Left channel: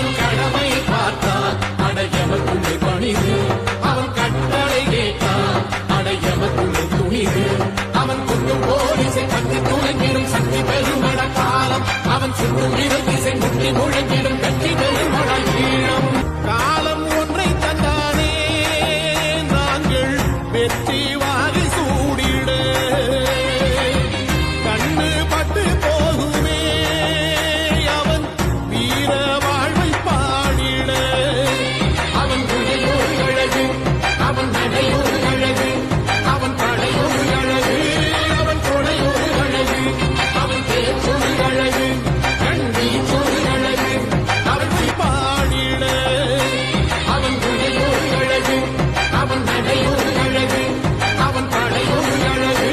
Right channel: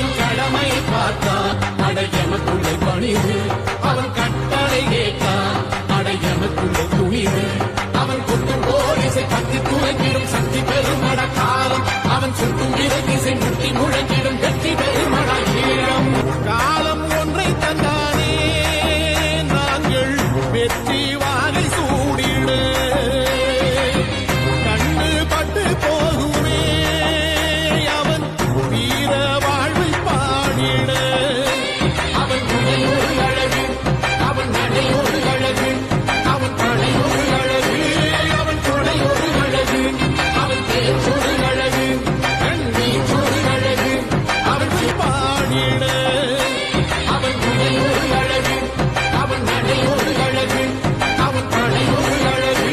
அவன் கடமையை பார்த்தான் அடையமக்குள்ளே பணிவு அவன் கட்டளை கேட்டான் அடையமக்குள்ளே துணிவு அவன் கொட்டும் போலிசை பற்றி துளங்கிடும் சக்தி பெருமட காலம் அவன் சுட்டும் விரல் திசை முட்டி முழங்கிடும் வெற்றி பெருமட ஈழம் காலம் ஒன்றை தந்தானே நாங்கள் வெற்றி வாகை சூடிட கண்ணு பட்டு போகுமே அவன் வீர வாழ்வை பாடிட அவன் குடை ஒரு அழகு அவன் நடை ஒரு அழகு அவன் படை ஒரு அழகு அவன் கொடை ஒரு அழகு அவன் பேச்சொரு அழகு கண்ணீர் ஒரு அழகு அவளை பாடிட அவன் குடை ஒரு அழகு அவன் நடை ஒரு அழகு அவன் படை ஒரு அழகு